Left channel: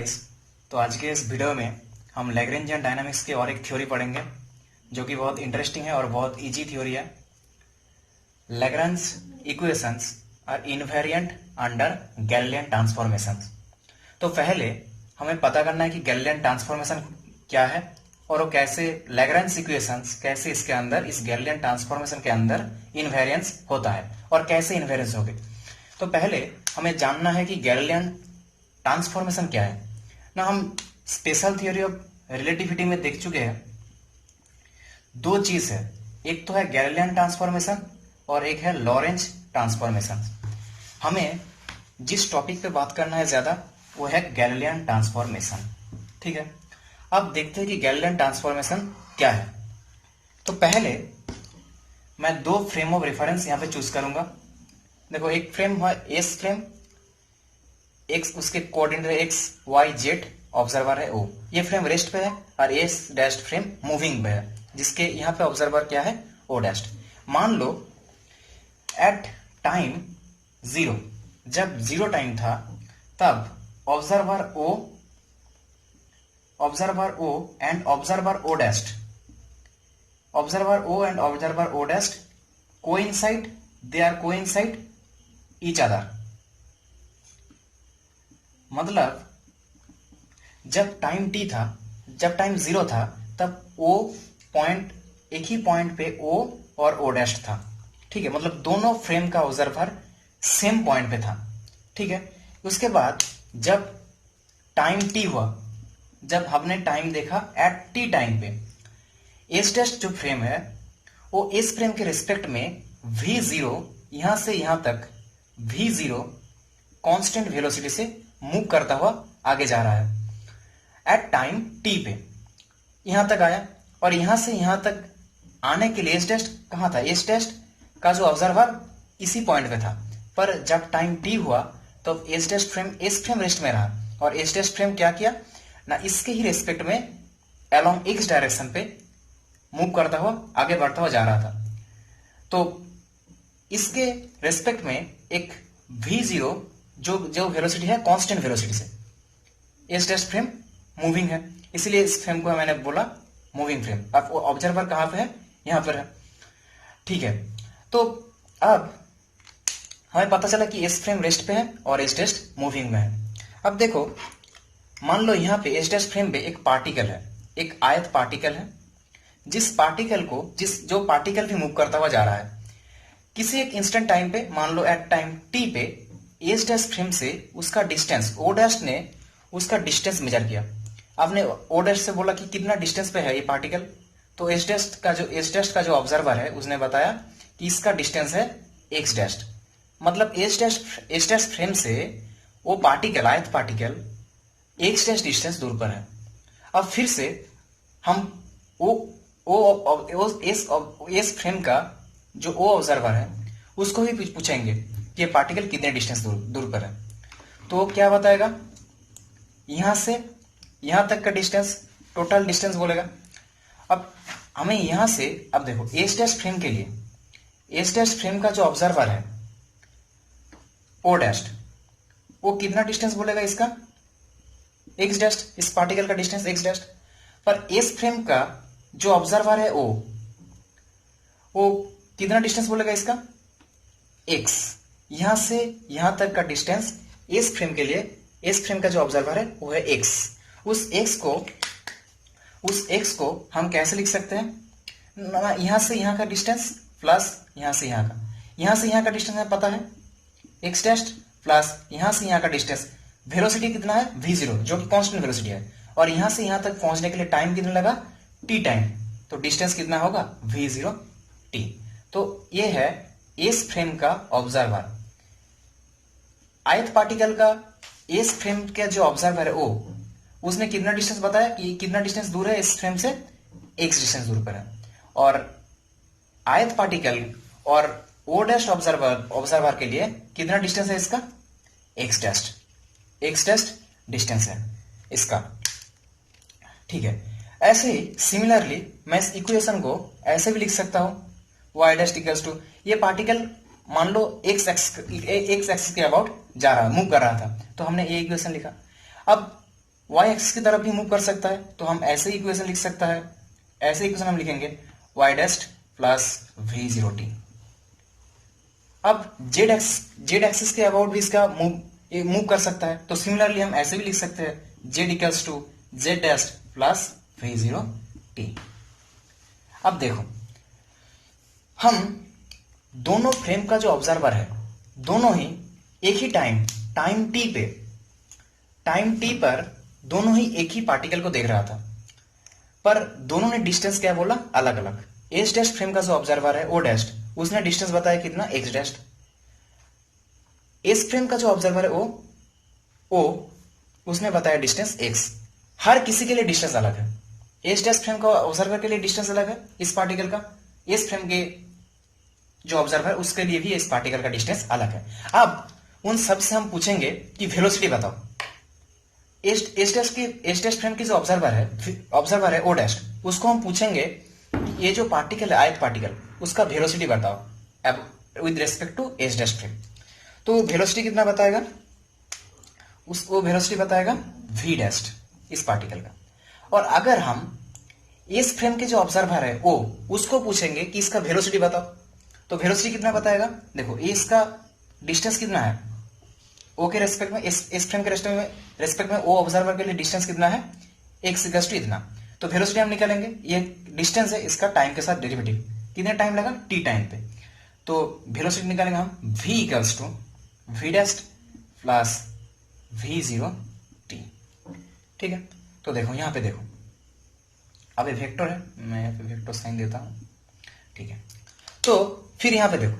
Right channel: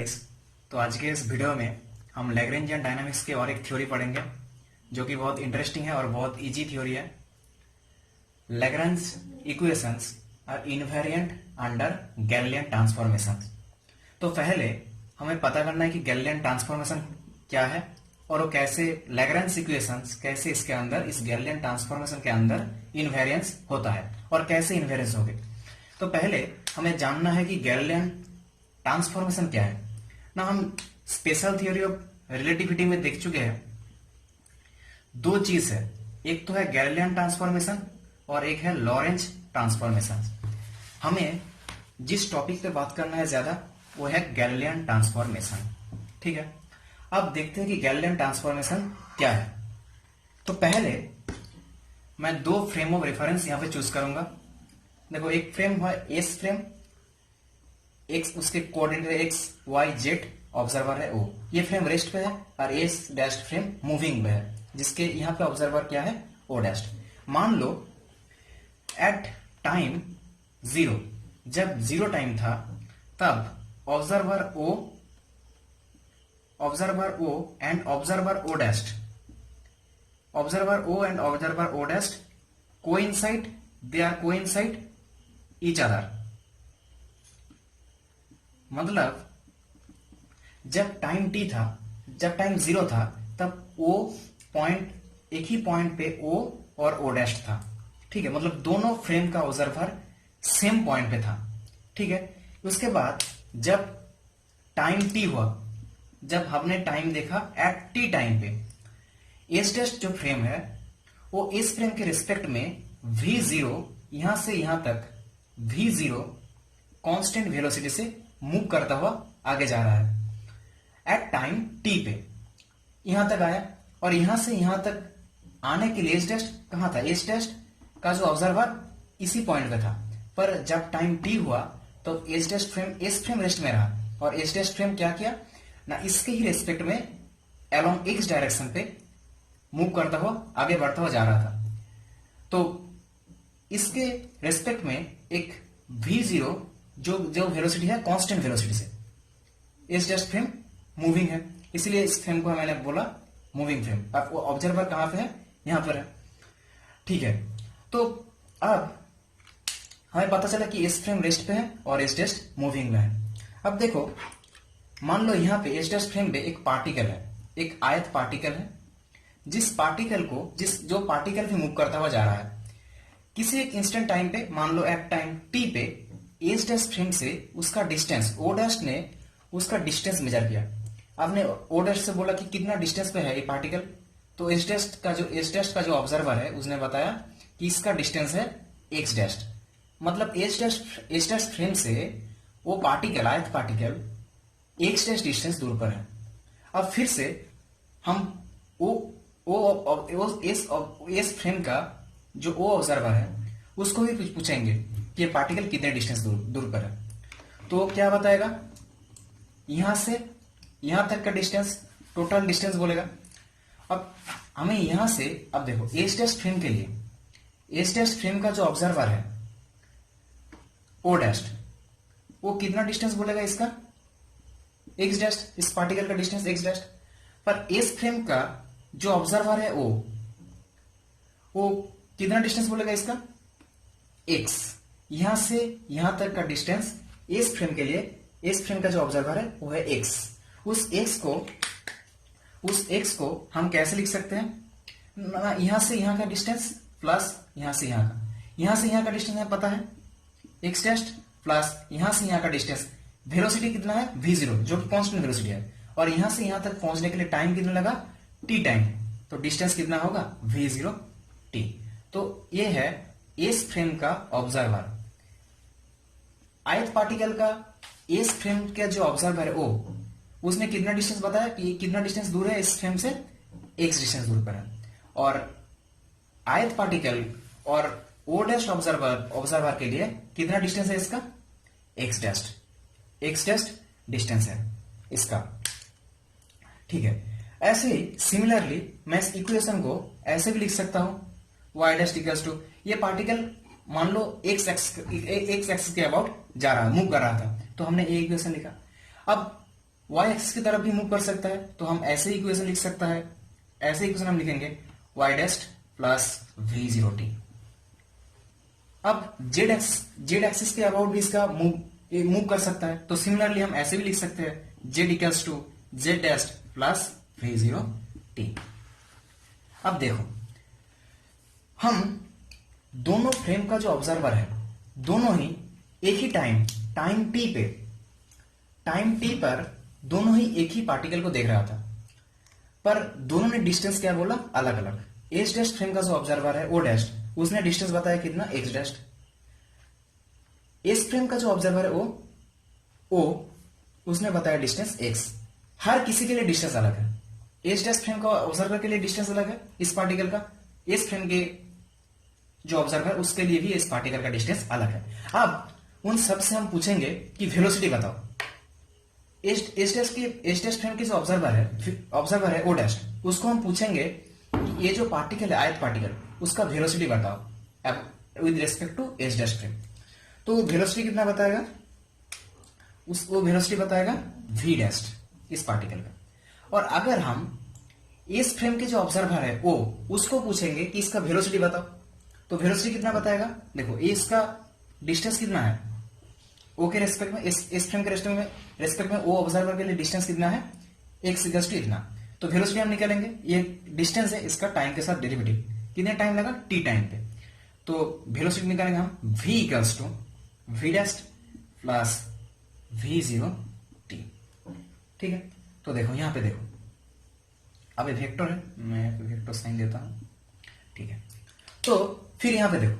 Guys, तो आज के इस वीडियो में हम लैग्रेंजियन डायनामिक्स की और एक थ्योरी पढ़ेंगे जो कि बहुत इंटरेस्टिंग है और बहुत इजी थ्योरी है। Lagrange equations are invariant under Galilean transformations. तो पहले हमें पता करना है कि गैलिलियन ट्रांसफॉर्मेशन क्या है और वो कैसे लैग्रेंज इक्वेशंस कैसे इसके अंदर इस गैलिलियन ट्रांसफॉर्मेशन के अंदर इनवेरिएंस होता है और कैसे इनवेरिएंस होगी। तो पहले हमें जानना है कि गैलिलियन ट्रांसफॉर्मेशन क्या है ना। हम स्पेशल थ्योरी ऑफ रिलेटिविटी में देख चुके हैं दो चीज है, एक तो है गैलिलियन ट्रांसफॉर्मेशन और एक है लॉरेंज ट्रांसफॉर्मेशन। हमें जिस टॉपिक पे बात करना है ज्यादा वो है गैलिलियन ट्रांसफॉर्मेशन। ठीक है, अब देखते हैं कि गैलिलियन ट्रांसफॉर्मेशन क्या है। तो पहले मैं दो फ्रेम ऑफ रेफरेंस यहां पे चूज करूंगा। देखो, एक फ्रेम है एस फ्रेम, एक्स उसके कोऑर्डिनेट है एक्स वाई जेड, ऑब्जर्वर है ओ। ये फ्रेम रेस्ट पे है और एस डैश फ्रेम मूविंग पे है जिसके यहाँ पे ऑब्जर्वर क्या है ओ डैश। मान लो एट टाइम जीरो, जब जीरो टाइम था तब observer O and observer O dash, observer O and observer O dash coincide, they are coincide each other. मतलब जब टाइम टी था, जब टाइम जीरो था तब ओ पॉइंट, एक ही पॉइंट पे ओ और ओ डैश था। ठीक है, मतलब दोनों फ्रेम का ऑब्जर्वर सेम पॉइंट पे था। ठीक है, उसके बाद जब टाइम टी हुआ, जब हमने टाइम देखा एट टी टाइम पे, एस डैश जो फ्रेम है वो इस फ्रेम के रिस्पेक्ट में वी जीरो, यहां से यहां तक वी जीरो कांस्टेंट वेलोसिटी से मूव करता हुआ आगे जा रहा है। एट टाइम टी पे यहां तक आया और यहां से यहां तक आने के लिए एस डैश कहां था, एस डैश का जो ऑब्जर्वर इसी पॉइंट पे था। पर जब टाइम टी हुआ तो S dash frame S frame rest में रहा और एस डैश फ्रेम क्या किया ना, इसके ही रेस्पेक्ट में अलोंग एक्स डायरेक्शन पे मूव करता हुआ आगे बढ़ता हुआ जा रहा था। तो इसके रेस्पेक्ट में एक वी जीरो जो वेलोसिटी है कांस्टेंट वेलोसिटी से, एस डैश फ्रेम मूविंग है, इसलिए इस फ्रेम को मैंने बोला मूविंग फ्रेम। अब ऑब्जर्वर कहां पे है, यहां पर है। ठीक है, तो अब हमें पता चला कि एस फ्रेम रेस्ट पे है और एस डैश मूविंग में है। अब देखो, मान लो यहां पे एस डैश फ्रेम पे एक पार्टिकल है, एक आयत पार्टिकल है, जिस पार्टिकल को जो पार्टिकल भी मूव करता हुआ जा रहा है किसी एक इंस्टेंट टाइम पे, मान लो एट टाइम टी पे एस डैश फ्रेम से उसका डिस्टेंस ओ डैश ने उसका डिस्टेंस मेजर किया। आपने ओ डैश से बोला कि कितना डिस्टेंस पे है ये पार्टिकल, तो एस डैश का जो ऑब्जर्वर है उसने बताया कि इसका डिस्टेंस है एक्स डैश। मतलब एस डैश फ्रेम से वो पार्टिकल, आयत पार्टिकल एक्स डैश डिस्टेंस दूर पर है। अब फिर से हम एस फ्रेम का जो ओ ऑब्जर्वर है उसको भी पूछेंगे कि ये पार्टिकल कितने डिस्टेंस दूर पर है। तो क्या बताएगा, यहां से यहां तक का डिस्टेंस, टोटल डिस्टेंस बोलेगा। अब हमें यहां से, अब देखो एस डैश फ्रेम के लिए, एस डैश फ्रेम का जो ऑब्जर्वर है ओ डैश, वो कितना डिस्टेंस बोलेगा इसका, एक्स डैश, इस पार्टिकल का डिस्टेंस एक्स डैश। पर एस फ्रेम का जो ऑब्जर्वर है वो कितना डिस्टेंस बोलेगा इसका, एक्स। यहां से यहां तक का डिस्टेंस एस फ्रेम के लिए, एस फ्रेम का जो ऑब्जर्वर है वो है एक्स। उस एक्स को हम कैसे लिख सकते हैं, यहां से यहां का डिस्टेंस प्लस यहां से यहां का डिस्टेंस हमें पता है एक्स डैश, प्लस यहां से यहां का डिस्टेंस, वेलोसिटी कितना है वी जीरो जो कि कांस्टेंट वेलोसिटी है, और यहां से यहां तक पहुंचने के लिए टाइम कितना लगा टी टाइम, तो डिस्टेंस कितना होगा वी जीरो टी। तो ये है एस फ्रेम का ऑब्जर्वर। आयत पार्टिकल का एस फ्रेम के जो ऑब्जर्वर है ओ, उसने कितना डिस्टेंस बताया कि कितना डिस्टेंस दूर है इस फ्रेम से, एक्स डिस्टेंस दूर पर है। और आयत पार्टिकल और ओ डैश ऑब्जर्वर के लिए कितना डिस्टेंस है इसका, एक्स डैश डिस्टेंस है इसका। ठीक है, ऐसे ही सिमिलरली मैं इस इक्वेशन को ऐसे भी लिख सकता हूं, y डैश इक्वल्स टू, ये पार्टिकल मान लो एक्स एक्सिस के अबाउट जा रहा, मूव कर रहा था, तो हमने ये इक्वेशन लिखा। अब वाई एक्सिस की तरफ भी मूव कर सकता है, तो हम ऐसे इक्वेशन लिख सकता है, ऐसे इक्वेशन हम लिखेंगे Y dash plus V zero T. अब जेड एक्सिस के अबाउट भी इसका मूव कर सकता है, तो सिमिलरली हम ऐसे भी लिख सकते हैं Z equals to Z dash plus V zero T. अब देखो, हम दोनों फ्रेम का जो ऑब्जर्वर है, दोनों ही एक ही टाइम टी पर दोनों ही एक ही पार्टिकल को देख रहा था, पर दोनों ने डिस्टेंस क्या बोला, अलग अलग। एच डैश फ्रेम का जो ऑब्जर्वर है ओ डैश, उसने डिस्टेंस बताया कितना, एक्स डैश। एस फ्रेम का जो ऑब्जर्वर है ओ उसने बताया डिस्टेंस एक्स। हर किसी के लिए डिस्टेंस अलग है। एच डैश फ्रेम का ऑब्जर्वर के लिए डिस्टेंस अलग है इस पार्टिकल का, एस फ्रेम के जो ऑब्जर्वर उसके लिए भी इस पार्टिकल का डिस्टेंस अलग है। अब उन सब से हम पूछेंगे कि वेलोसिटी बताओ। एच डैश फ्रेम की जो ऑब्जर्वर है ओ डैश, उसको हम पूछेंगे कि ये जो पार्टिकल है आयत पार्टिकल, उसका वेलोसिटी बताओ with respect to H dash frame. तो वेलोसिटी कितना बताएगा, उसको वेलोसिटी बताएगा v डैश इस पार्टिकल का। और अगर हम इस फ्रेम के जो ऑब्जर्वर है ओ, उसको पूछेंगे कि इसका वेलोसिटी बताओ, तो वेलोसिटी कितना बताएगा। देखो ये इसका डिस्टेंस कितना है ओ के रेस्पेक्ट में, इस फ्रेम के रेस्पेक्ट में ओ ऑब्जर्वर के लिए डिस्टेंस कितना है, एक्स इक्वल्स टू इतना। तो वेलोसिटी हम निकालेंगे, ये डिस्टेंस है, इसका टाइम के साथ डेरिवेटिव, कितने टाइम लगा, टी टाइम पे। तो वेलोसिटी निकालेंगे हम v equals to v dash plus v zero T. ठीक है, तो देखो यहां पे देखो, अब ये वेक्टर है, मैं वेक्टर साइन देता हूं। ठीक है, तो फिर यहां पे देखो,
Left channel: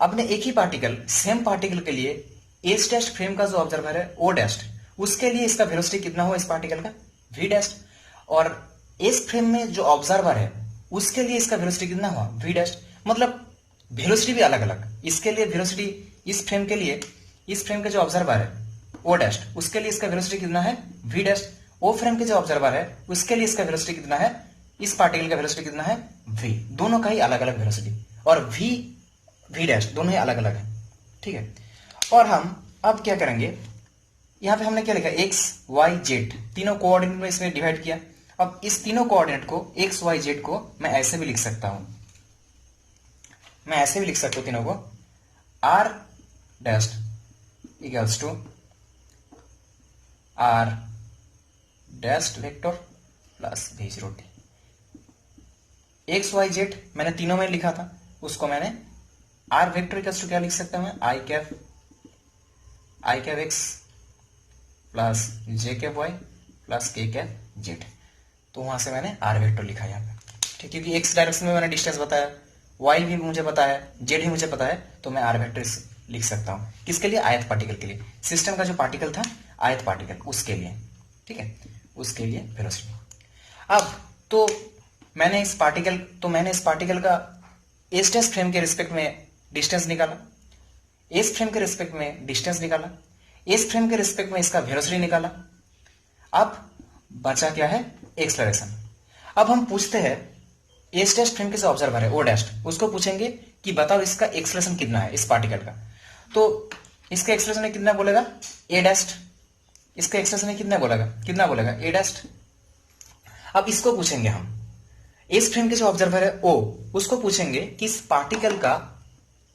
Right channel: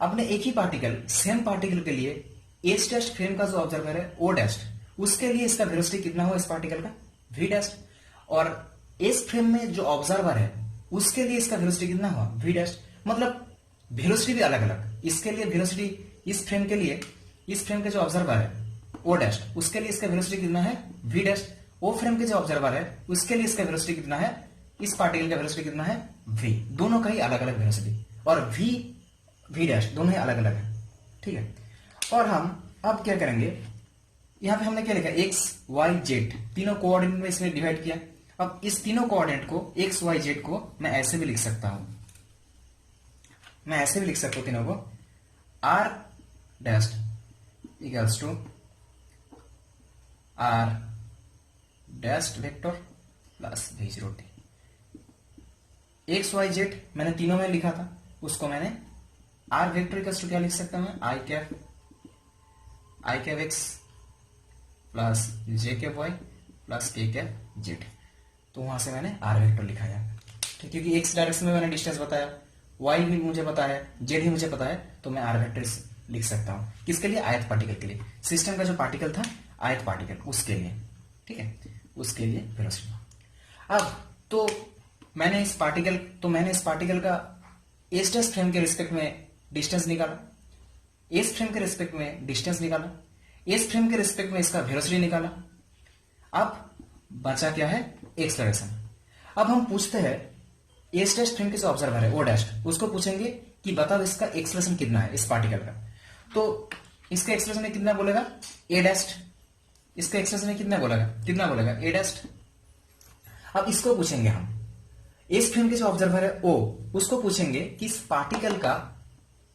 अपने एक ही पार्टिकल, सेम पार्टिकल के लिए एच डैश फ्रेम का जो ऑब्जर्वर है ओ डैश, उसके लिए इसका वेलोसिटी कितना हुआ इस पार्टिकल का, v डैश। और एस फ्रेम में जो ऑब्जर्वर है उसके लिए इसका वेलोसिटी कितना हुआ, v डैश। मतलब वेलोसिटी भी अलग अलग। इसके लिए वेलोसिटी, इस फ्रेम के लिए, इस फ्रेम के जो ऑब्जर्वर है ओ डैश, उसके लिए इसका वेलोसिटी कितना है, v डैश। ओ फ्रेम के जो ऑब्जर्वर है उसके लिए इसका वेलोसिटी कितना है, इस पार्टिकल का वेलोसिटी कितना है, v। दोनों का ही अलग अलग वेलोसिटी, और v डैश दोनों ही अलग अलग है। ठीक है, और हम अब क्या करेंगे, यहां पे हमने क्या लिखा, एक्स वाई जेड, तीनों कोऑर्डिनेट में इसमें डिवाइड किया। अब इस तीनों कोऑर्डिनेट को एक्स वाई जेड को मैं ऐसे भी लिख सकता हूं, मैं ऐसे भी लिख सकता हूं तीनों को, R dash equals to R dash vector plus V zero T. X Y Z मैंने तीनों में लिखा था, उसको मैंने आर वेक्टर इक्वल्स टू क्या लिख सकता हूं मैं, आई कैप एक्स प्लस जे कैप वाई प्लस के कैप जेड। तो वहां से मैंने आर वेक्टर लिखा यहाँ पे। ठीक, क्योंकि एक्स डायरेक्शन में मैंने डिस्टेंस बताया, वाई भी मुझे पता है, जेड भी मुझे पता है, तो मैं आर वेक्टर लिख सकता हूँ। किसके लिए, आयत पार्टिकल के लिए। सिस्टम का जो पार्टिकल था आयत पार्टिकल, उसके लिए। ठीक है, उसके लिए वेलोसिटी। अब तो मैंने इस पार्टिकल का एस डैश फ्रेम के रिस्पेक्ट में डिस्टेंस निकाला, एस फ्रेम के रिस्पेक्ट में डिस्टेंस निकाला, एस फ्रेम के रिस्पेक्ट में इसका वेलोसिटी निकाला। अब बचा क्या है, एक्सलरेशन। अब हम पूछते हैं एस डैश फ्रेम के जो ऑब्जर्वर है ओ डैश, उसको पूछेंगे कि बताओ इसका एक्सलेशन कितना है इस पार्टिकल का। तो इसका एक्सलेशन कितना बोलेगा, ए डैश। इसका एक्सलेशन कितना बोलेगा ए डैश। अब इसको पूछेंगे हम, एस फ्रेम के जो ऑब्जर्वर है ओ, उसको पूछेंगे कि इस पार्टिकल का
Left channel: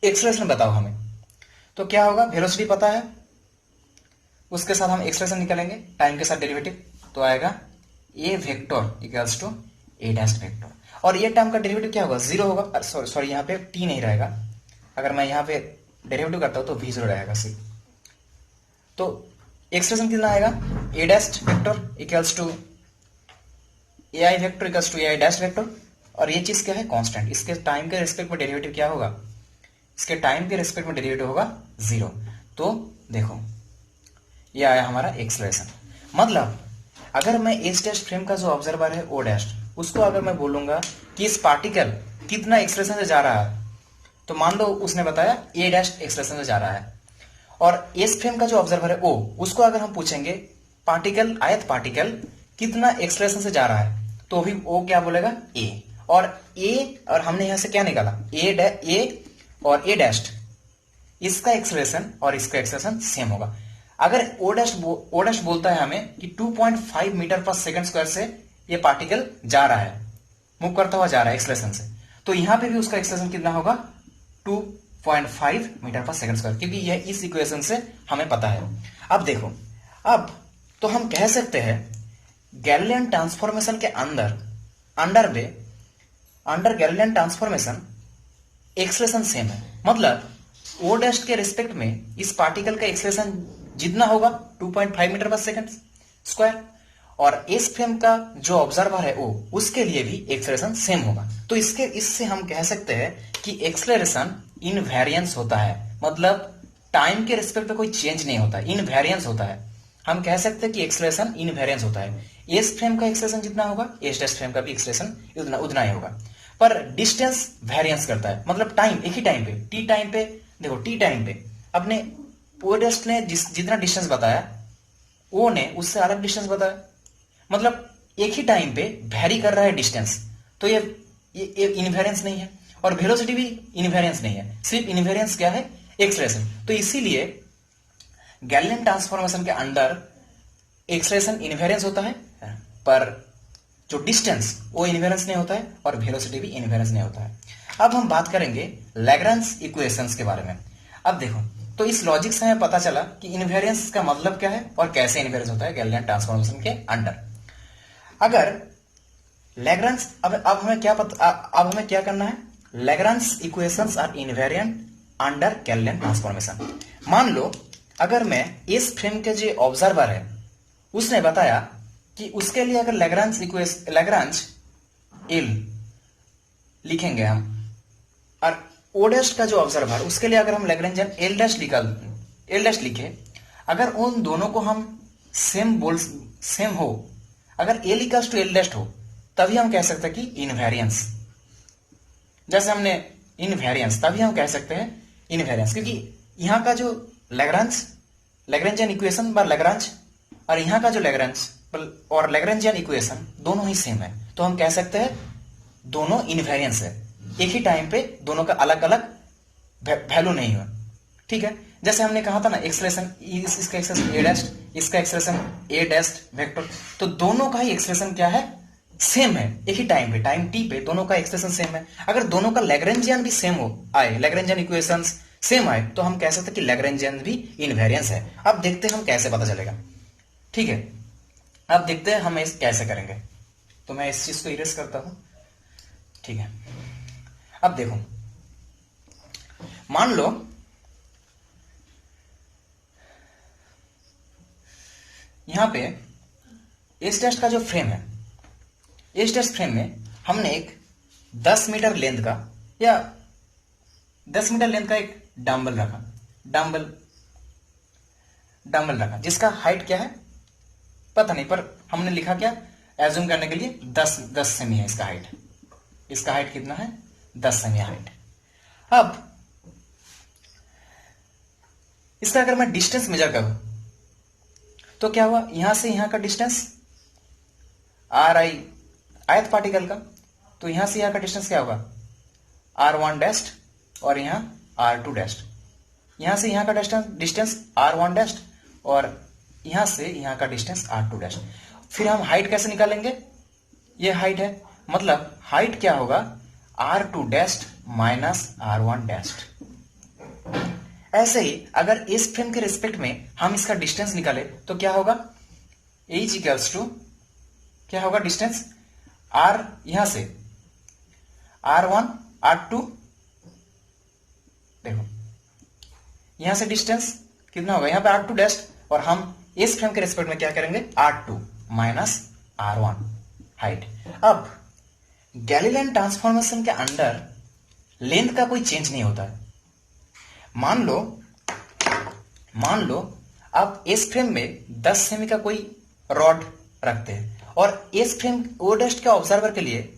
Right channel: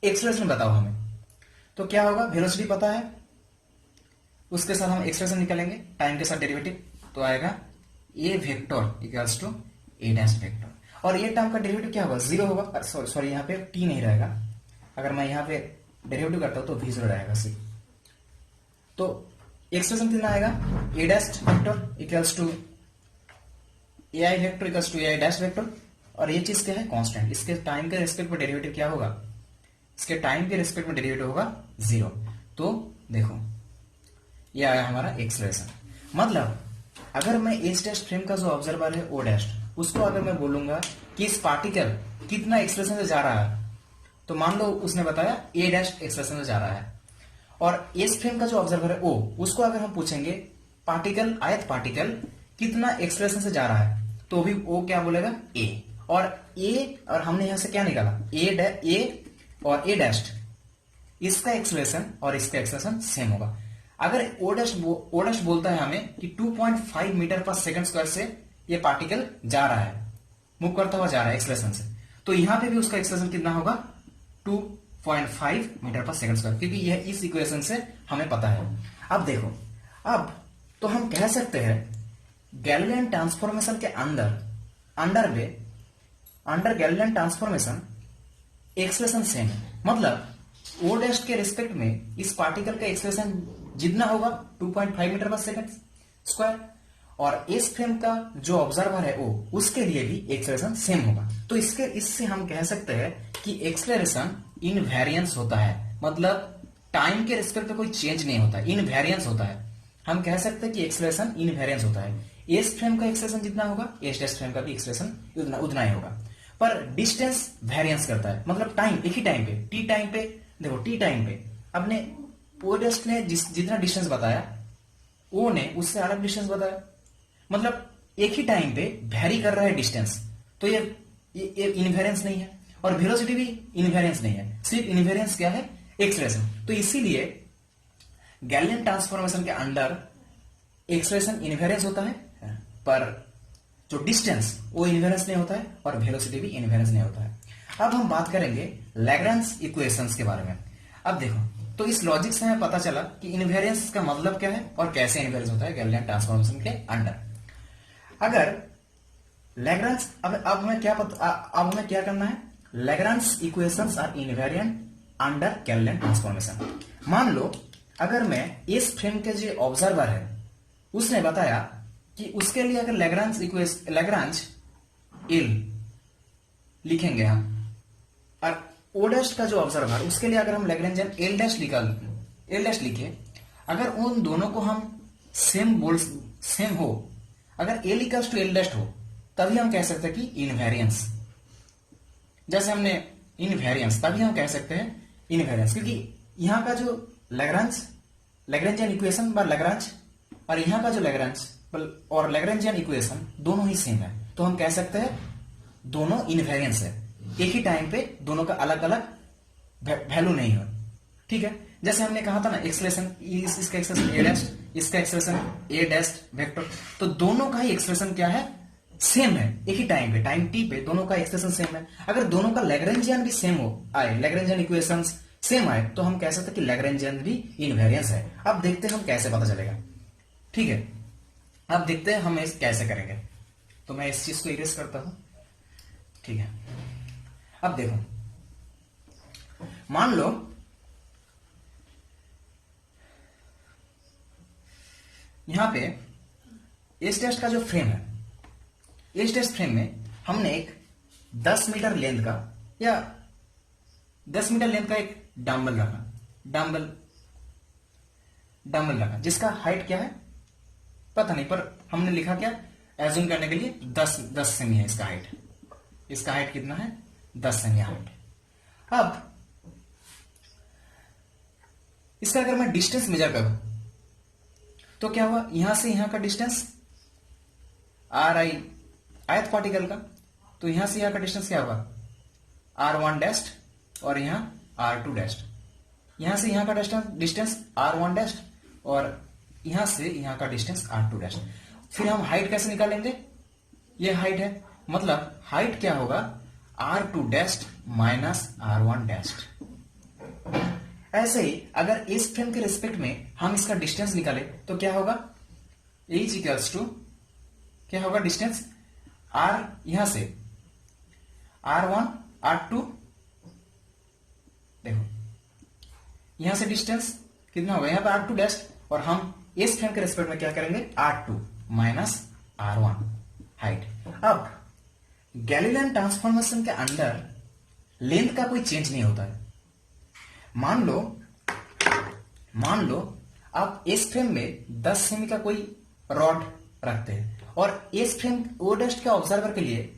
एक्सलेशन बताओ हमें। तो क्या होगा, वेलोसिटी पता है, उसके साथ हम एक्सप्रेशन निकालेंगे टाइम के साथ डेरिवेटिव, तो आएगा A vector equals to A dash vector. और ये टर्म का डेरिवेटिव क्या होगा, जीरो होगा। सॉरी यहाँ पे टी नहीं रहेगा, अगर मैं यहाँ पे डेरिवेटिव करता हूं तो v जीरो रहेगा सिर्फ। तो एक्सप्रेशन कितना आएगा, A dash vector equals to A I vector equals to A I dash vector. और ये चीज क्या है, कांस्टेंट। इसके टाइम के रिस्पेक्ट में डेरिवेटिव क्या होगा, इसके टाइम के रिस्पेक्ट में डेरिवेटिव होगा जीरो। तो देखो ये आया हमारा एक्सलेशन। मतलब अगर मैं एस डैश फ्रेम का जो ऑब्जर्वर है ओ डैश, उसको अगर मैं बोलूंगा कि इस पार्टिकल कितना एक्सलेशन से जा रहा है, तो मान लो उसने बताया ए डैश एक्सलेशन से जा रहा है। और एस फ्रेम का जो ऑब्जर्वर है ओ, उसको अगर हम पूछेंगे पार्टिकल, आयत पार्टिकल कितना एक्सलेशन से जा रहा है, तो भी ओ क्या बोलेगा, ए। और हमने यहां से क्या निकाला, ए और ए डैश, इसका एक्सलेशन और इसका एक्सलेशन सेम होगा। अगर ओ डैश बोलता है हमें कि 2.5 मीटर पर सेकंड स्क्वायर से ये पार्टिकल जा रहा है, मूव करता हुआ जा रहा है एक्सलेशन से, तो यहां पे भी उसका एक्सलेशन कितना होगा 2.5 मीटर पर सेकंड स्क्वायर, क्योंकि यह इस इक्वेशन से हमें पता है। अब देखो, अब तो हम कह सकते हैं गैलीलियन ट्रांसफॉर्मेशन के under Galilean transformation acceleration same है। मतलब ओ डैश के रिस्पेक्ट में इस पार्टिकल का एक्सलेशन जितना होगा 2.5 मीटर पर सेकंड स्क्वायर, और एस फ्रेम का जो ऑब्जर्वर है ओ, उसके लिए भी एक्सलेशन सेम होगा। तो इससे हम कह सकते हैं कि एक्सलेरेशन इनवेरियंस होता है, मतलब टाइम के रिस्पेक्ट में कोई चेंज नहीं होता, इनवेरियंस होता है। हम कह सकते हैं कि एक्सलेरेशन इनवेरियंस होता है। एस फ्रेम का एक्सलेशन जितना होगा एस डैश फ्रेम का भी एक्सलेरेशन उतना ही होगा, पर डिस्टेंस वेरियंस करता है। मतलब टाइम, एक ही टाइम पे, टी टाइम पे, देखो टी टाइम पे अपने ओ डैश ने जितना डिस्टेंस बताया, ओ ने उससे अलग डिस्टेंस बताया, मतलब एक ही टाइम पे वेरी कर रहा है डिस्टेंस, तो ये इनवेरियंस नहीं है। और वेलोसिटी भी इनवेरियंस नहीं है, सिर्फ इनवेरियंस क्या है, एक्सलेरेशन। तो इसीलिए गैलीलियन ट्रांसफॉर्मेशन के अंदर एक्सलेरेशन इनवेरियंस होता है, पर जो डिस्टेंस वो इनवेरियंस नहीं होता है, और वेलोसिटी भी इनवेरियंस नहीं होता है। अब हम बात करेंगे लैग्रेंज इक्वेशंस के बारे में। अब देखो, तो इस लॉजिक से हमें पता चला कि इनवेरियंस का मतलब क्या है और कैसे इनवेरियंस होता है गैलीलियन ट्रांसफॉर्मेशन के अंडर। अगर लैग्रेंज, अब हमें क्या करना है, Lagrange equations are invariant under Galilean transformation. मान लो अगर मैं इस फ्रेम के जो ऑब्जर्वर है उसने बताया कि उसके लिए अगर लैग्रेंज एल लिखेंगे हम, और ओ डैश का जो ऑब्जर्वर उसके लिए अगर हम लैग्रेंजियन एल डैश लिखे, अगर उन दोनों को हम सेम हो, अगर L equals to L dash हो, तभी हम कह सकते हैं कि इनवेरियंस। जैसे हमने इनवेरियंस, तभी हम कह सकते हैं इनवेरियंस, क्योंकि यहां का जो लैग्रेंजियन इक्वेशन बार लैग्रेंज, और यहां का जो लैग्रेंज और लैग्रेंजियन इक्वेशन दोनों ही सेम है, तो हम कह सकते हैं दोनों इनवेरियंस है। एक ही टाइम पे दोनों का अलग अलग वैल्यू नहीं हो, ठीक है। जैसे हमने कहा था ना, एक्सलेशन, इसका एक्सलेशन ए डैश, इसका एक्सलेशन ए डैश वेक्टर, तो दोनों का ही एक्सलेशन क्या है, सेम है। एक ही टाइम पे, टाइम टी पे दोनों का एक्सप्रेशन सेम है। अगर दोनों का लैग्रेंजियन भी सेम हो आए, लैग्रेंजियन इक्वेशंस सेम आए, तो हम कह सकते हैं कि लैग्रेंजियन भी इनवेरियंस है। अब देखते हैं हम कैसे पता चलेगा, ठीक है। अब देखते हैं हम इस कैसे करेंगे। तो मैं इस चीज को इरेज करता हूं, ठीक है। अब देखो, मान लो यहां पे एस डैश का जो फ्रेम है, एस डैश फ्रेम में हमने एक 10 मीटर लेंथ का या 10 मीटर लेंथ का एक डंबल रखा, डंबल रखा, जिसका हाइट क्या है पता नहीं, पर हमने लिखा क्या, एज्यूम करने के लिए 10 सेमी है इसका हाइट। इसका हाइट कितना है, 10 सेमी हाइट। अब इसका अगर मैं डिस्टेंस मेजर करूं तो क्या हुआ, यहां से यहां का डिस्टेंस आर आई, आयत पार्टिकल का, तो यहां से यहां का डिस्टेंस क्या होगा, r1 डैश, और यहां r2 डैश। यहां से यहां का डिस्टेंस r1 डैश, और यहां से यहां का डिस्टेंस r2 डैश। फिर हम हाइट कैसे निकालेंगे, ये हाइट है, मतलब हाइट क्या होगा, r2 dash minus r1 dash. ऐसे ही अगर इस फ्रेम के रिस्पेक्ट में हम इसका डिस्टेंस निकाले तो क्या होगा, h इक्वल्स टू क्या होगा, डिस्टेंस r, यहां से r1 r2, देखो यहां से डिस्टेंस कितना होगा, यहां पे r2 डैश, और हम इस फ्रेम के रिस्पेक्ट में क्या करेंगे, r2 माइनस r1 हाइट। अब गैलीलियन ट्रांसफॉर्मेशन के अंदर लेंथ का कोई चेंज नहीं होता है। मान लो आप इस फ्रेम में 10 सेमी का कोई रॉड रखते हैं, और इस फ्रेम ओ डैश के ऑब्जर्वर के लिए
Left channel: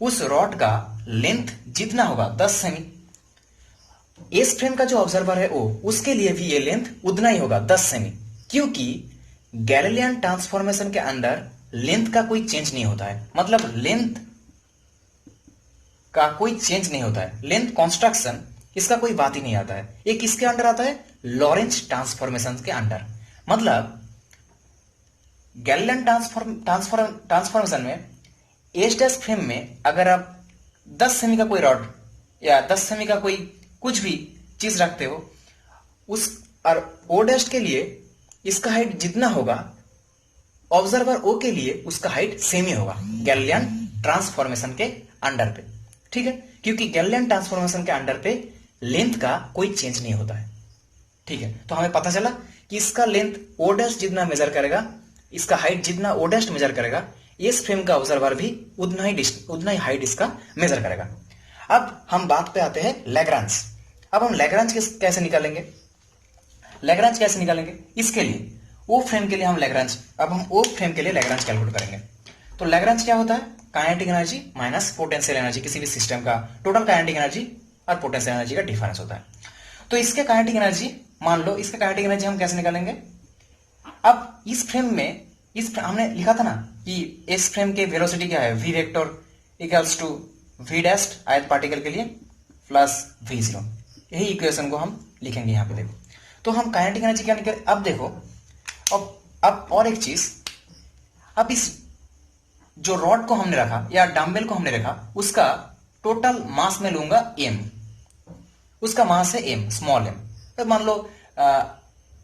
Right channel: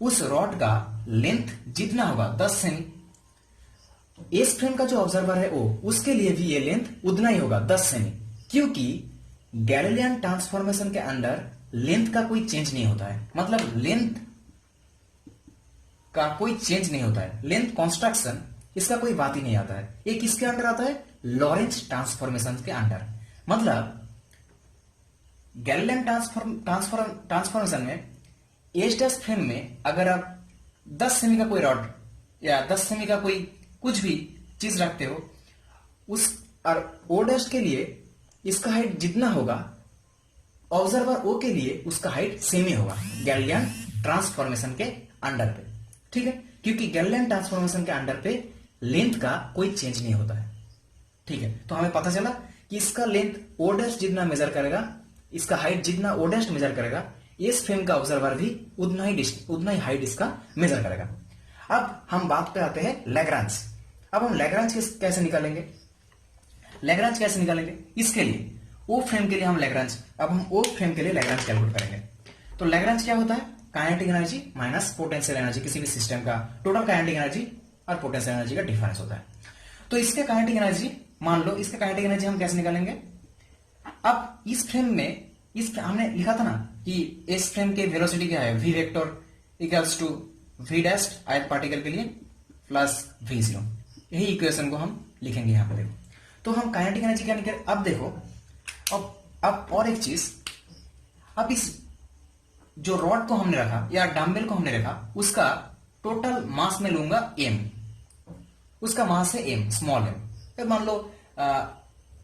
उस रॉड का लेंथ जितना होगा 10 सेमी, इस फ्रेम का जो ऑब्जर्वर है ओ, उसके लिए भी ये लेंथ उतना ही होगा 10 सेमी, क्योंकि गैलीलियन ट्रांसफॉर्मेशन के अंदर लेंथ का कोई चेंज नहीं होता है। मतलब लेंथ का कोई चेंज नहीं होता है, लेंथ कॉन्स्ट्रक्शन इसका कोई बात ही नहीं आता है। ये किसके अंडर आता है, लॉरेंज ट्रांसफॉर्मेशन के अंडर। मतलब गैलीलियन ट्रांसफॉर्मेशन में एच डैश फ्रेम में अगर आप 10 सेमी का कोई रॉड या 10 सेमी का कोई कुछ भी चीज रखते हो, उस और ओ डैश के लिए इसका हाइट जितना होगा, ऑब्जर्वर ओ के लिए उसका हाइट सेम ही होगा गैलीलियन ट्रांसफॉर्मेशन के अंडर पे। ठीक है, क्योंकि गैलीलियन ट्रांसफॉर्मेशन के अंडर पे लेंथ का कोई चेंज नहीं होता है। ठीक है, तो हमें पता चला कि इसका लेंथ ओ डैश जितना मेजर करेगा, इसका हाइट जितना ओ डैश मेजर करेगा, इस फ्रेम का ऑब्जर्वर भी उतना ही हाइट इसका मेजर करेगा। अब हम बात पे आते हैं लैग्रांज। अब हम लैग्रांज कैसे निकालेंगे? लैग्रांज कैसे निकालेंगे? इसके लिए ओ फ्रेम के लिए हम लैग्रांज, अब हम ओ फ्रेम के लिए लैग्रांज कैलकुलेट करेंगे। तो लैग्रांज क्या होता है? Kinetic energy minus potential energy, किसी भी सिस्टम का टोटल काइनेटिक एनर्जी और पोटेंशियल एनर्जी का डिफरेंस होता है। तो इसके काइनेटिक एनर्जी, मान लो इसके काइनेटिक एनर्जी हम कैसे निकालेंगे? अब इस फ्रेम में, हमने लिखा था ना कि इस फ्रेम के वेलोसिटी क्या है? V vector equals to V dash आयत पार्टिकल के लिए प्लस वी जीरो। यही इक्वेशन को हम लिखेंगे यहाँ पे। देखो, तो हम काइनेटिक एनर्जी क्या निकाले? अब देखो, अब और एक चीज, अब इस जो रॉड को हमने रखा या डंबल को हमने रखा, उसका टोटल मास में लूंगा m, उसका मास है m, स्मॉल m। तो मान लो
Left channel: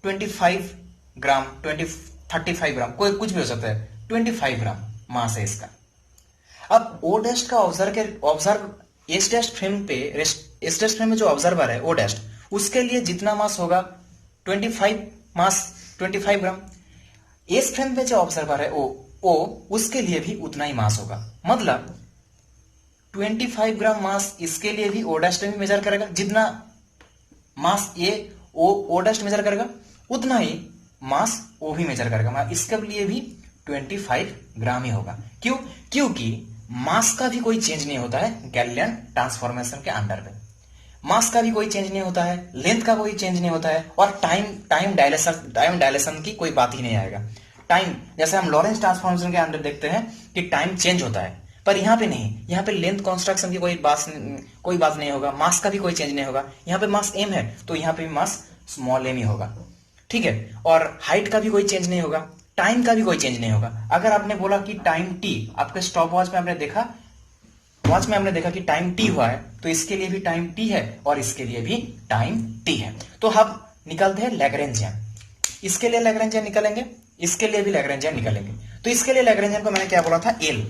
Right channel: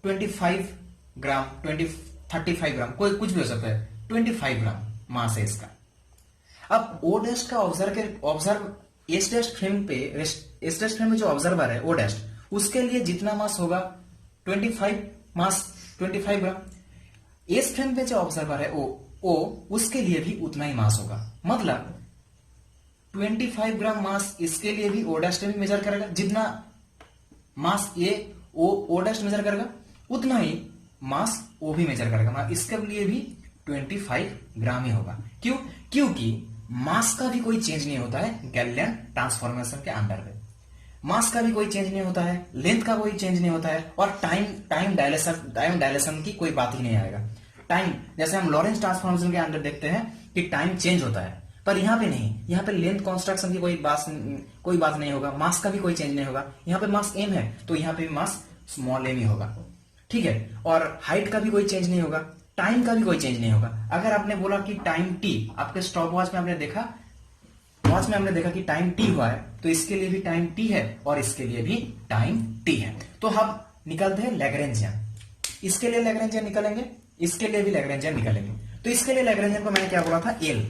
25 ग्राम, 35 ग्राम, कोई कुछ भी हो सकता है, 25 ग्राम मास है इसका। अब ओ डैश का एस डैश फ्रेम पे, एस डैश फ्रेम में जो ऑब्जर्वर है ओ डैश, उसके लिए जितना मास होगा 25 ग्राम। एस फ्रेम पे जो ऑब्जर्वर है ओ, उसके लिए भी उतना ही मास होगा। मतलब 25 ग्राम मास इसके लिए भी ओ डैश भी मेजर करेगा, जितना मास ओ डैश मेजर करेगा उतना ही मास ओ भी मेजर करेगा। इसके लिए भी 25 ग्राम ही होगा। क्यों? क्योंकि मास का भी कोई चेंज नहीं होता है गैलीलियन ट्रांसफॉर्मेशन के अंडर में। मास का भी कोई चेंज नहीं होता है, लेंथ का कोई चेंज नहीं होता है, और टाइम डायलेशन की कोई बात ही नहीं आएगा। टाइम, जैसे हम लॉरेंस ट्रांसफॉर्मेशन के अंदर देखते हैं कि टाइम चेंज होता है, पर यहाँ पे नहीं। यहाँ पे लेंथ कंस्ट्रक्शन की कोई बात नहीं होगा, मास का भी कोई चेंज नहीं होगा। यहाँ पे मास m है तो यहाँ पे मास स्मॉल m ही होगा। ठीक है, और हाइट का भी कोई चेंज नहीं होगा, टाइम का भी कोई चेंज नहीं होगा। अगर आपने बोला कि टाइम t, आपके स्टॉप वॉच में आपने देखा कि टाइम t हुआ है, तो इसके लिए भी टाइम t है और इसके लिए भी टाइम t है। तो हम निकालते हैं लैग्रेंजियन। इसके लिए लैग्रेंजियन निकालेंगे, इसके लिए भी लैग्रेंजियन निकालेंगे। तो इसके लिए लैग्रेंजियन को मैंने क्या बोला था? L।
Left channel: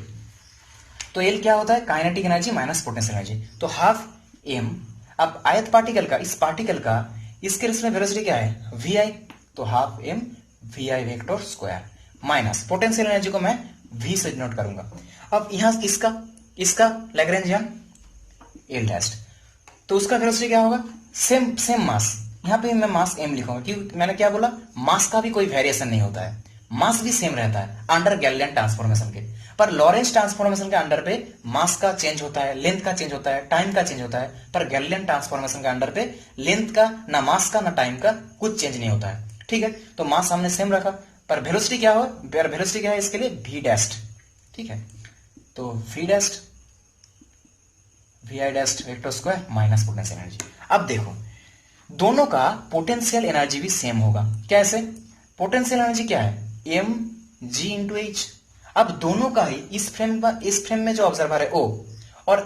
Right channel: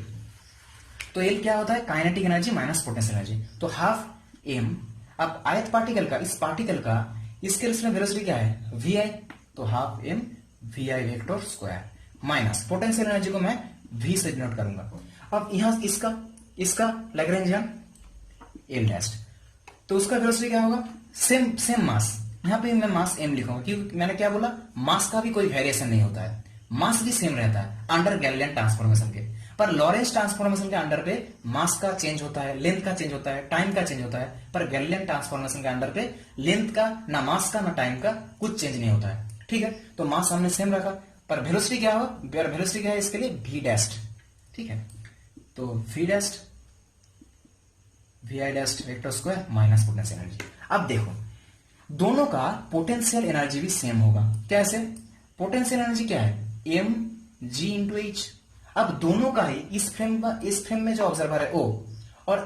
तो L क्या होता है? Kinetic energy minus potential energy. तो हाफ m। अब आयत पार्टिकल का, इस पार्टिकल का इसके रिस्पेक्ट में वेलोसिटी क्या है? vi। तो half m vi vector square minus potential energy को मैं v से डिनोट करूंगा। अब यहां इसका लैग्रेंजियन L डैश, तो उसका वेलोसिटी क्या होगा? Same mass. यहां पे मैं मास m लिखूंगा क्योंकि मैंने क्या बोला? मास का भी कोई वेरिएशन नहीं होता है, मास भी सेम रहता है अंडर गैलीलियन ट्रांसफॉर्मेशन के। पर लॉरेंस ट्रांसफॉर्मेशन के अंडर पे मास का चेंज होता है, लेंथ का चेंज होता है, टाइम का चेंज होता है। पर गैलीलियन ट्रांसफॉर्मेशन के अंडर पे लेंथ का, ना मास का, ना टाइम का कुछ चेंज नहीं होता है। ठीक है, तो मास हमने सेम रखा, पर वेलोसिटी क्या हुआ? वेलोसिटी क्या है इसके लिए? v dash. ठीक है, तो v dash vi dash vector square minus potential energy. अब देखो, दोनों का पोटेंशियल एनर्जी भी सेम होगा। कैसे? पोटेंशियल एनर्जी क्या है? m g into H. अब दोनों का ही इस फ्रेम में जो ऑब्जर्वर है o और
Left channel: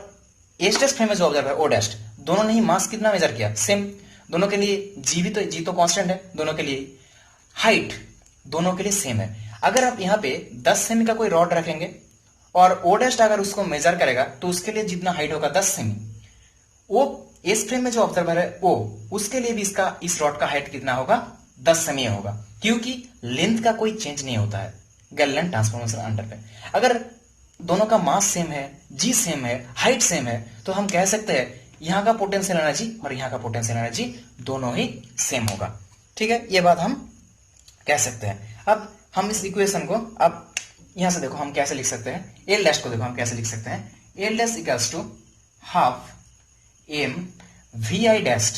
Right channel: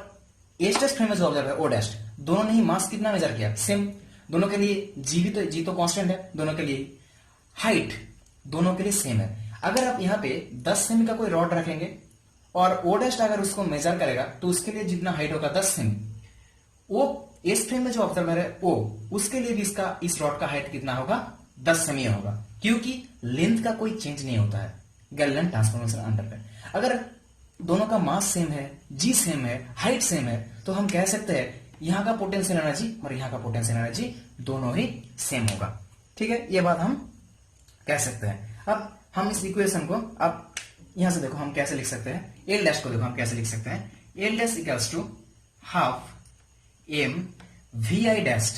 एच डैश फ्रेम में जो ऑब्जर्वर है o डैश, दोनों ने ही मास कितना मेजर किया? सेम। दोनों के लिए g तो कांस्टेंट है, दोनों के लिए हाइट दोनों के लिए सेम है। अगर आप यहाँ पे 10 सेमी का कोई रॉड रखेंगे और o डैश अगर उसको मेजर करेगा तो उसके लिए जितना हाइट होगा 10 सेमी, वो इस फ्रेम में जो ऑब्जर्वर है o, उसके लिए भी इस रॉड का हाइट कितना होगा? 10 सेमी होगा, क्योंकि लेंथ का कोई चेंज नहीं होता है गैलीलियन ट्रांसफॉर्मेशन अंडर पे। अगर दोनों का मास सेम है, जी सेम है, हाइट सेम है, तो हम कह सकते हैं यहाँ का पोटेंशियल एनर्जी और यहाँ का पोटेंशियल एनर्जी दोनों ही सेम होगा। ठीक है, ये बात हम कह सकते हैं। अब हम इस इक्वेशन को, अब यहां से देखो हम कैसे लिख सकते हैं, एल डैश को देखो हम कैसे लिख सकते हैं। L dash equals to half m vi dash.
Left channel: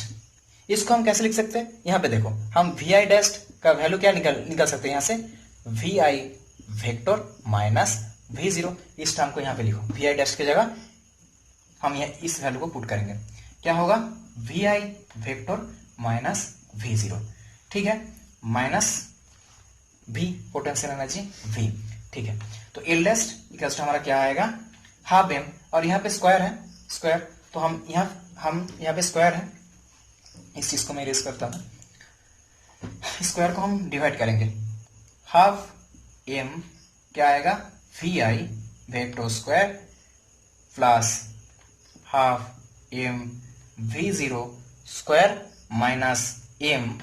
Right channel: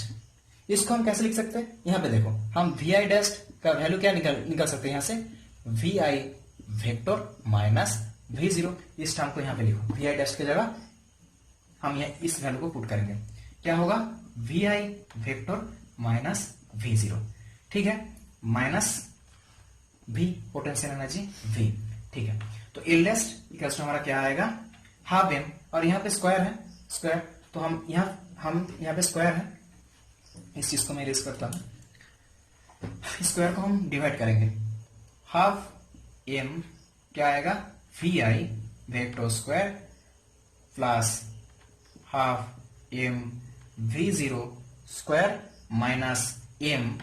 इसको हम कैसे लिख सकते हैं? यहां पे देखो, हम vi डैश का वैल्यू क्या निकल सकते हैं? यहां से vi वेक्टर माइनस v0। इस टर्म को यहां पे लिखो, vi डैश की जगह हम इस वैल्यू को पुट करेंगे। क्या होगा? vi vector minus v0। ठीक है, minus V, potential energy V। ठीक है, तो एल डैश इक्वल्स टू हमारा क्या आएगा, हाफ एम, और यहाँ पे स्क्वायर है, स्क्वायर, तो हम यहाँ पे स्क्वायर है, इस चीज को मैं इरेज करता हूँ, स्क्वायर को हम डिवाइड करेंगे, हाफ एम क्या आएगा, V I vector square plus half M V zero square minus M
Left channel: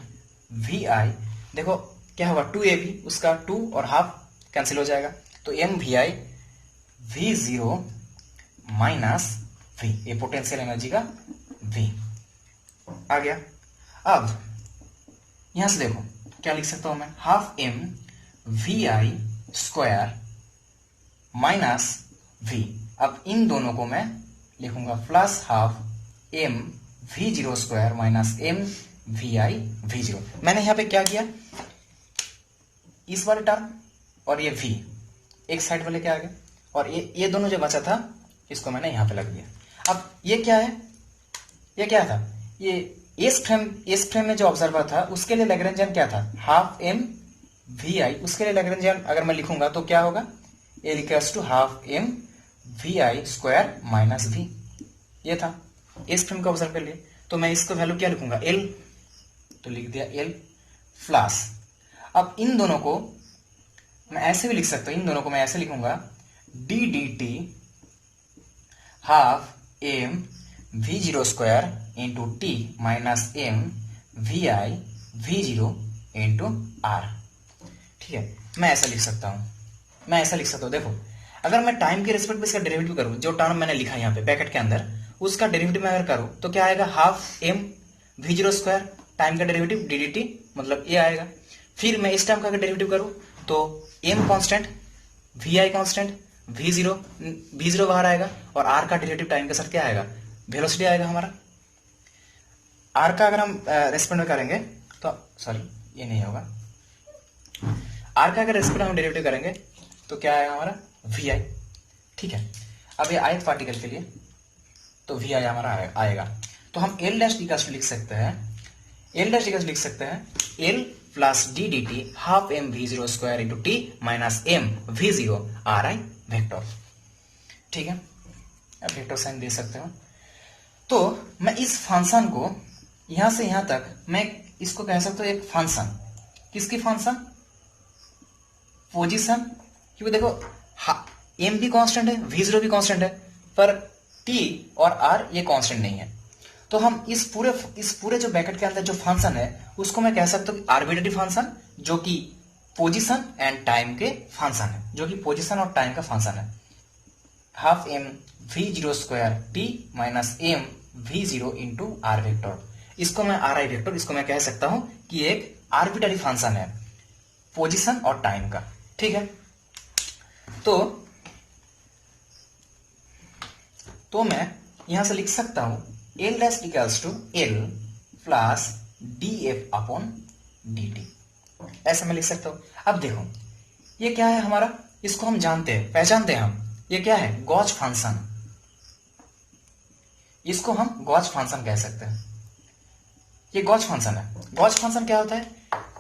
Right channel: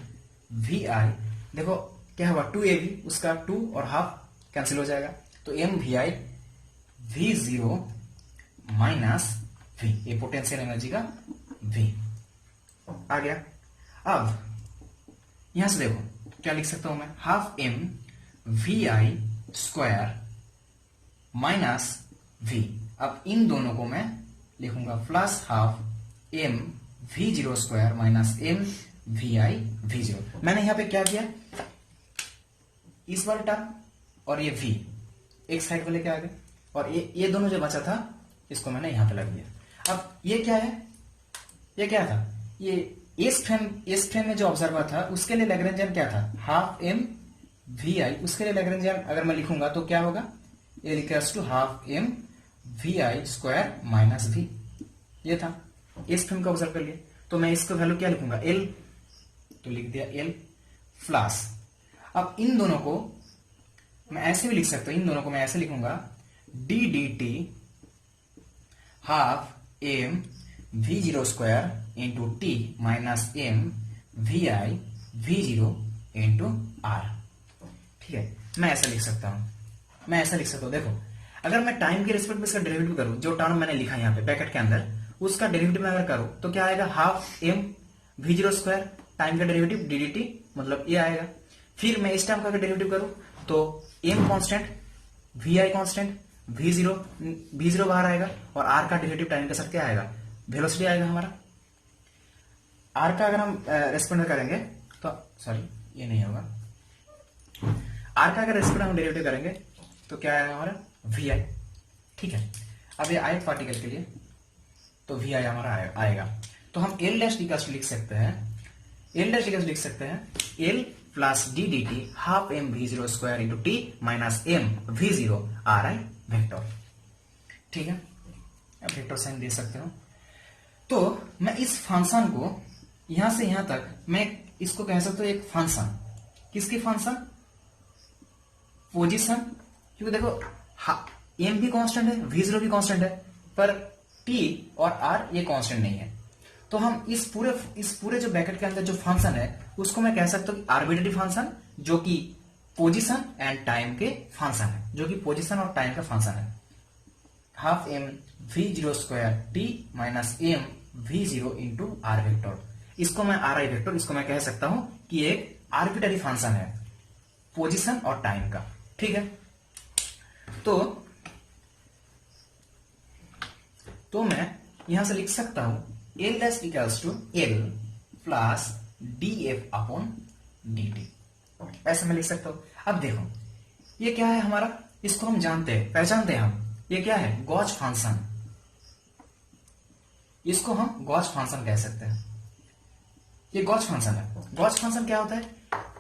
V I, देखो क्या होगा, 2ab, उसका 2 और हाफ कैंसिल हो जाएगा, तो M V I V zero minus V, ये पोटेंशियल एनर्जी का वी आ गया। अब यहां से देखो क्या लिख सकता हूं मैं, half M V I square minus V, अब इन दोनों को मैं लिखूंगा plus half M V zero square minus M V I V zero. मैंने यहां पे क्या किया, इस वाले टर्म और ये v एक साइड पे लेके आ गए, और ये दोनों जो बचा था इसको मैंने यहां पे लग दिया। अब ये क्या है, ये क्या था, ये इस फ्रेम में जो ऑब्जर्वर था उसके लिए लैग्रेंजियन क्या था, हाफ एम वी आई, उसके लिए लैग्रेंजियन अगर मैं लिखूंगा तो क्या होगा, L equals to half M V I square minus V, ये था इस फ्रेम को ऑब्जर्व कर लिए, तो मैं इसको वैल्यू क्या लिखूंगा, एल, तो लिख दिया एल प्लस, अब इन दोनों को मैं ऐसे भी लिख सकता हूं, इन दोनों को मैं ऐसे लिखूंगा, D D T half M V zero square into T minus M V I V zero into R. ठीक है, मैं ऐसा लिख सकता हूं, देखो अगर मैं टाइम के रिस्पेक्ट में इसका डेरिवेटिव करूं, जो टर्म मैंने लिखा यहाँ पे ब्रैकेट के अंदर, उसका डेरिवेटिव मैं अगर करूं तो क्या आएगा, half M V zero square, time का डेरिवेटिव डी डी टी मतलब ये आएगा, फिर मैं इस टाइम का अगर डेरिवेटिव करूं तो M constant, V I constant, V zero बाहर आएगा, और आर का डेरिवेटिव टाइम के साथ क्या आएगा, वेलोसिटी आएगा हमारा। आर का अगर हम रेस्पेक्ट में करेंगे तो सॉरी ये नहीं होगा, आर का अगर रेस्पेक्ट हम डेरिवेटिव करेंगे तो क्या आएगा हमारा, वी आई। ठीक है, अब ये आयत पार्टिकल के लिए तो वी आई हमारा आएगा, तो हम एल डैश इक्वल्स टू लिख सकते हैं, L plus D D T half M V zero square into T minus M V zero R I vector. ठीक है, अब वेक्टर साइन दे सकते हो, तो मैं इस फंक्शन को यहां से यहां तक मैं इसको कह सकता हूं एक फंक्शन, किसकी फंक्शन, पोजीशन, क्योंकि देखो एम भी कांस्टेंट है, वी जीरो भी कांस्टेंट है, पर टी और आर ये कांस्टेंट नहीं है, तो हम इस पूरे जो ब्रैकेट के अंदर जो फंक्शन है उसको मैं कह सकता हूँ आर्बिट्रेरी फंक्शन, जो कि पोजीशन एंड टाइम के फंक्शन है, जो कि पोजीशन और टाइम का फंक्शन है, half M V zero square T minus M V zero into R vector, इसको मैं आर आई वेक्टर, इसको मैं कह सकता हूं कि एक आर्बिट्रेरी फंक्शन है पोजीशन और टाइम का। ठीक है, तो मैं यहां से लिख सकता हूं L dash equals to L plus D F upon D T, ऐसे मैं लिख सकता हूं। अब देखो ये क्या है हमारा, इसको हम पहचानते हैं हम, ये क्या है, गॉस फंक्शन, इसको हम गॉस फंक्शन कह सकते हैं, ये गॉस फंक्शन है। गॉस फंक्शन क्या होता है,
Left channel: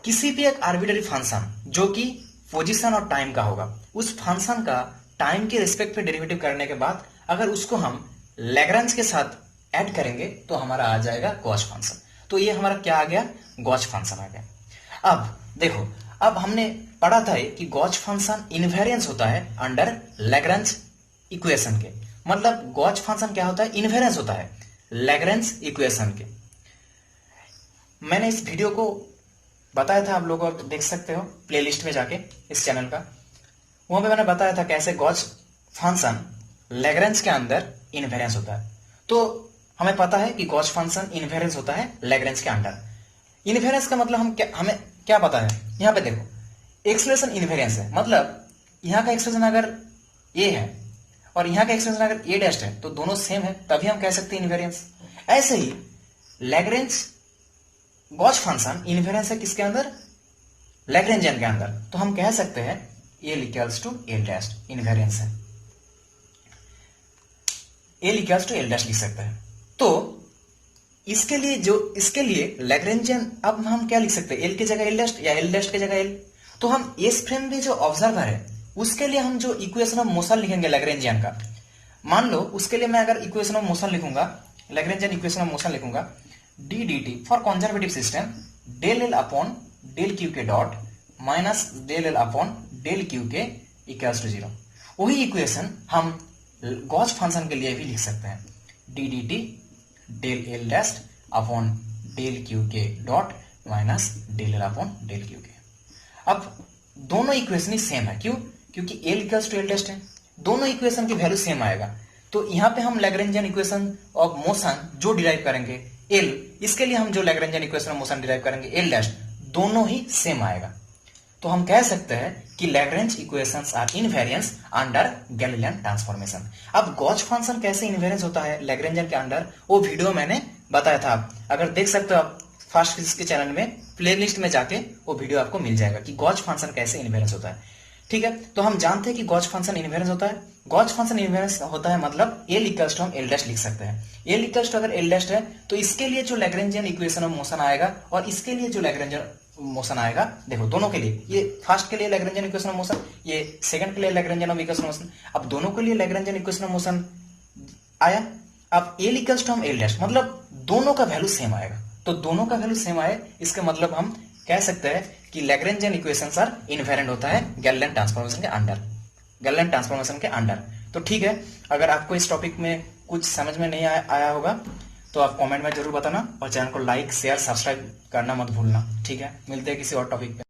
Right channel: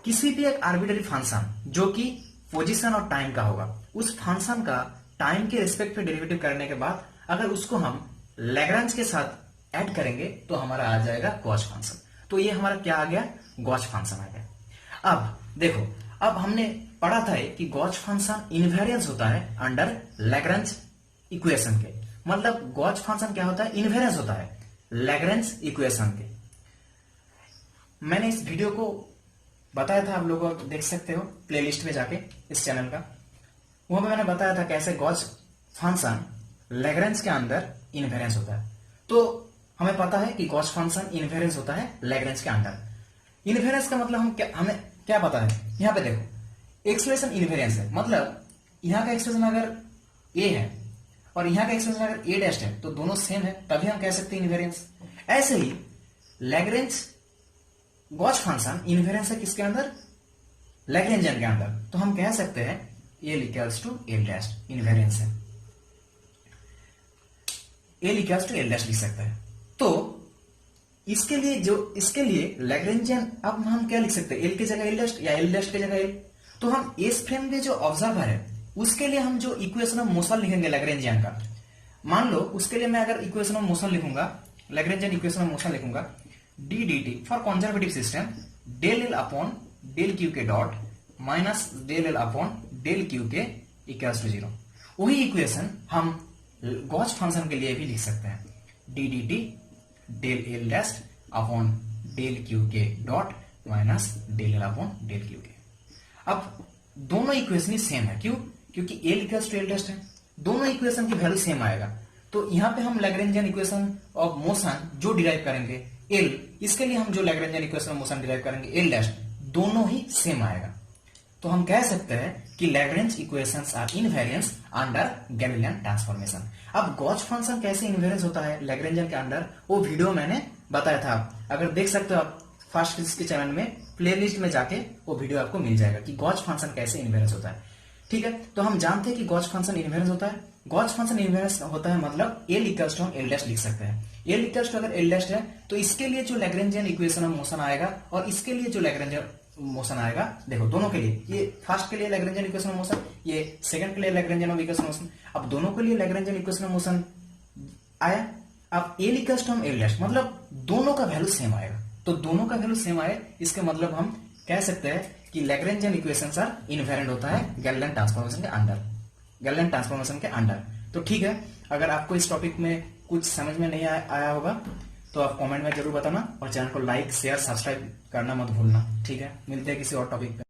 किसी भी एक आर्बिट्रेरी फंक्शन जो कि पोजीशन और टाइम का होगा, उस फंक्शन का टाइम के रिस्पेक्ट पे डेरिवेटिव करने के बाद अगर उसको हम लैग्रेंज के साथ ऐड करेंगे तो हमारा आ जाएगा गॉस फंक्शन, तो ये हमारा क्या आ गया, गॉस फंक्शन आ गया। अब देखो, अब हमने पढ़ा था कि गॉस फंक्शन इनवेरिएंस होता है अंडर लैग्रेंज इक्वेशन के, मतलब गॉस फंक्शन क्या होता है, इनवेरिएंस होता है लैग्रेंज इक्वेशन के। मैंने इस वीडियो को बताया था, आप लोग देख सकते हो प्लेलिस्ट में जाके इस चैनल का, वहां पे मैंने बताया था कैसे गॉस फंक्शन लैग्रेंज के अंदर इनवेरिएंस होता है। तो हमें पता है कि गॉस फंक्शन इनवेरिएंस होता है लैग्रेंज के अंडर। इनवेरिएंस का मतलब हमें क्या पता है, यहां पे देखो एक्सप्रेशन इनवेरिएंस है, मतलब यहां का एक्सप्रेशन अगर ए है और यहां का एक्सप्रेशन अगर ए डैश है तो दोनों सेम है, तभी हम कह सकते हैं इनवेरिएंस। ऐसे ही लैग्रेंज गॉस फंक्शन इनवेरिएंस है किसके अंदर, लैग्रेंजियन के अंदर, तो हम कह सकते हैं L equals to L dash invariance है, L equals to L dash लिख सकते हैं। तो इसके लिए लैग्रेंजियन, अब हम क्या लिख सकते हैं, एल की जगह एल डैश या एल डैश की जगह एल, तो हम एस फ्रेम में जो ऑब्जर्वर है उसके लिए हम जो इक्वेशन ऑफ मोशन लिखेंगे लैग्रेंजियन का, मान लो उसके लिए मैं अगर इक्वेशन ऑफ मोशन लिखूंगा, लैग्रेंजियन इक्वेशन ऑफ मोशन लिखूंगा, D D T for conservative system del L upon del Q K dot minus del L upon del Q K equals to 0। वही इक्वेशन हम गॉस फंक्शन के लिए भी लिख सकते हैं, D D T del L dash upon del Q K dot minus del L upon del Q K. अब दोनों इक्वेशन ही सेम है, क्यों? क्योंकि L equals to L dash है, दोनों इक्वेशन की वैल्यू सेम आएगा। तो यहां पे हम लैग्रेंजियन इक्वेशन ऑफ मोशन जो डिराइव करेंगे एल, इसके लिए हम जो Lagrangian equation of motion derive करेंगे एल डैश, दोनों ही सेम आएगा। तो हम कह सकते हैं कि Lagrange equations are invariance under Galilean transformation. अब गॉस फंक्शन कैसे इनवेरिएंस होता है लैग्रेंजियन के अंडर, वो वीडियो मैंने बताया था, अगर देख सकते हो आप फास्ट फिजिक्स के चैनल में प्लेलिस्ट में जाके वो वीडियो आपको मिल जाएगा कि गॉस फंक्शन कैसे इनवेरिएंस होता है। ठीक है, तो हम जानते हैं कि गॉस फंक्शन इनवेरिएंस होता है। गॉस फंक्शन इनवेरिएंस होता है मतलब एल इक्वल्स टू हम एल डैश लिख सकते हैं। एल इक्वल्स टू अगर एल डैश है तो इसके लिए जो लैग्रेंजियन इक्वेशन ऑफ मोशन आएगा और इसके लिए जो लैग्रेंजियन मोशन आएगा, देखो दोनों के लिए, ये फर्स्ट के लिए लैग्रेंजियन इक्वेशन ऑफ मोशन, ये सेकंड के लिए Lagrangian of equation of motion. अब दोनों के लिए लैग्रेंजियन इक्वेशन ऑफ मोशन आया। अब एल इक्वल्स टू हम एल डैश मतलब दोनों का वैल्यू सेम आएगा। तो दोनों का वैल्यू सेम आए इसका मतलब हम कह सकते हैं कि लैग्रेंजियन इक्वेशंस आर इनवेरिएंट होता है गैलीलियन ट्रांसफॉर्मेशन के अंडर, गैलीलियन ट्रांसफॉर्मेशन के अंडर। तो ठीक है, अगर आपको इस टॉपिक में कुछ समझ में नहीं आया होगा तो आप कमेंट में जरूर बताना और चैनल को लाइक शेयर सब्सक्राइब करना मत भूलना। ठीक है, मिलते हैं किसी और टॉपिक पे।